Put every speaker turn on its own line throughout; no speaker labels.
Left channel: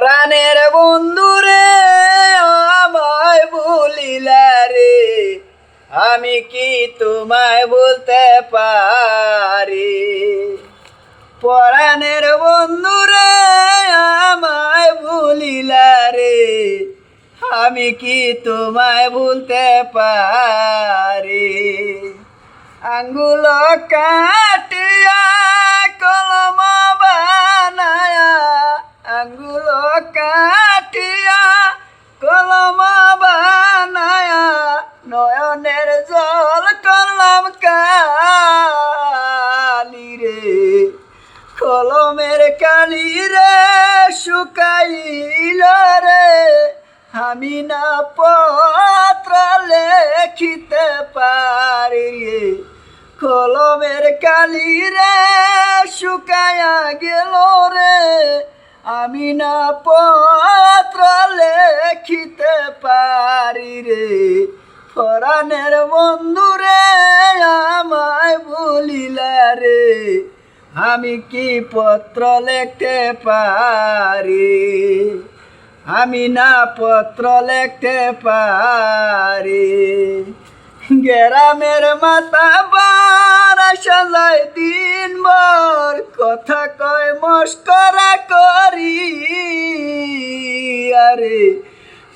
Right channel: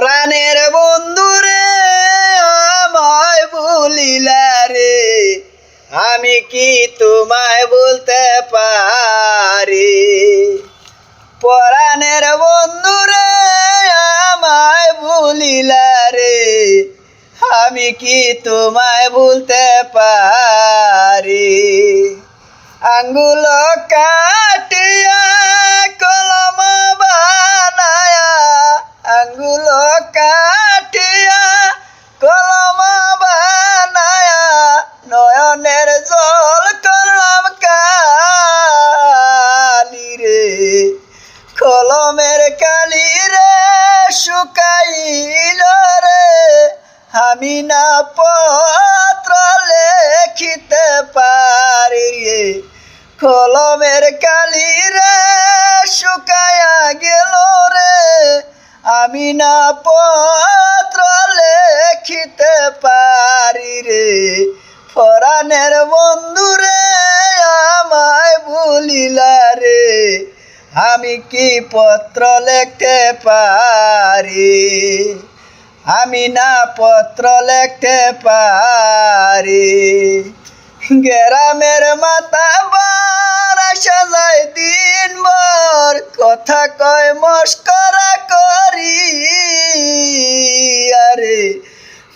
পরাণের বন্ধুরে আমায় ভুলিলা রে, আমি কি তোমায় বলতে পারি? পরাণের বন্ধুরে আমায় ভুলিলা রে, আমি কি তোমায় বলতে পারি? আঙ্গুল কাটিয়া কলম বানায়া, আঙ্গুল নয়নের জল করলাম কালি রে, কলমের কালি রে শুকাইল রে। আমি না পত্র লেখিতে পারি রে, কলমের কালি রে শুকায়া গেল রে। আমি না পত্র লেখিতে পারি রে ফরানের বন্ধুরে আমায় ভুলিলা রে, আমি কি পত্র লিখতে পারি? আমি না পত্র লিখতে পারি। গ্রামের মাতা বার সাজাই দিন ভর কথা কয় মস্করা করি। আরে,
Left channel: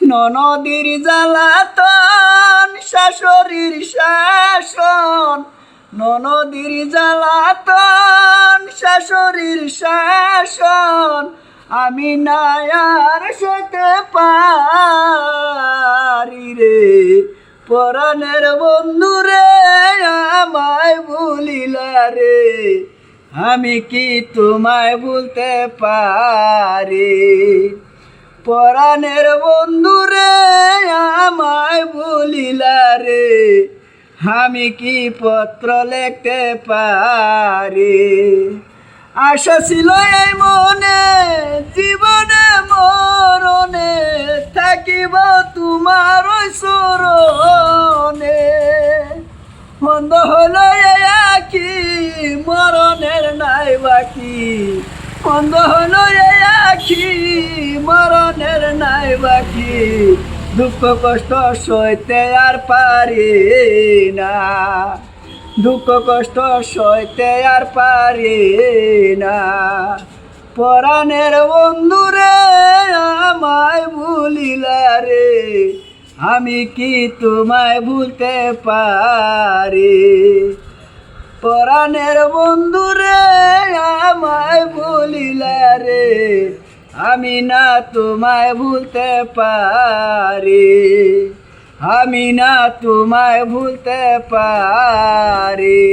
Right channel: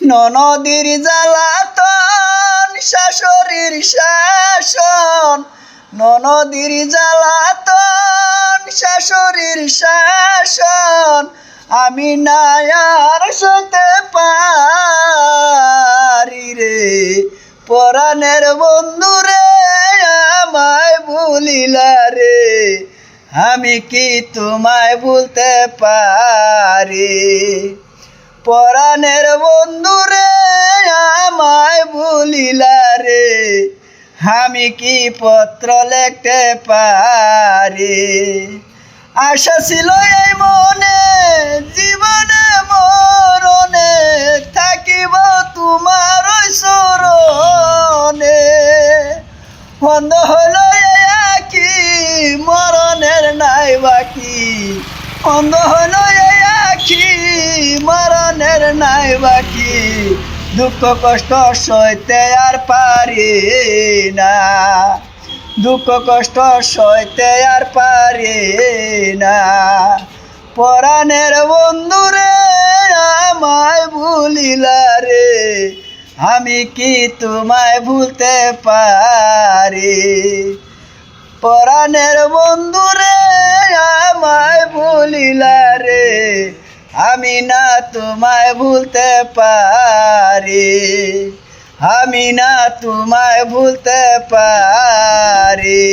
ননদীর জ্বালাতন শাশুড়ির শাসন, ননদীর জ্বালাতন, শাশুড়ির শাসন, আমি নায়ার সতে পারি রে। পরাণের বন্ধুরে আমায় ভুলিলা রে। আমি কি তোমায় ভুলতে পারি? পরাণের বন্ধুরে আমায় ভুলিলা রে আমি কি পত্র লিখতে পারি? আশা ছিল এই মনে, জীবনে মরণে থাকিব তোমার ওই স্মরণে বন্ধ হলো আখি মরণের নাই বাকি। বন্ধ হলো আখি মরণের নাই বাকি। দুঃখ কষ্ট সইতে আর পারি না। দুঃখ কষ্ট সইতে আর পারি না। পরাণের বন্ধুরে আমায় ভুলিলা রে। আমি কি তোমায় ভুলতে পারি? পরাণের বন্ধুরে আমায় ভুলিলা রে। আমি না তোমায় ভুলতে পারি। আমি না তোমায় ভুলতে পারি।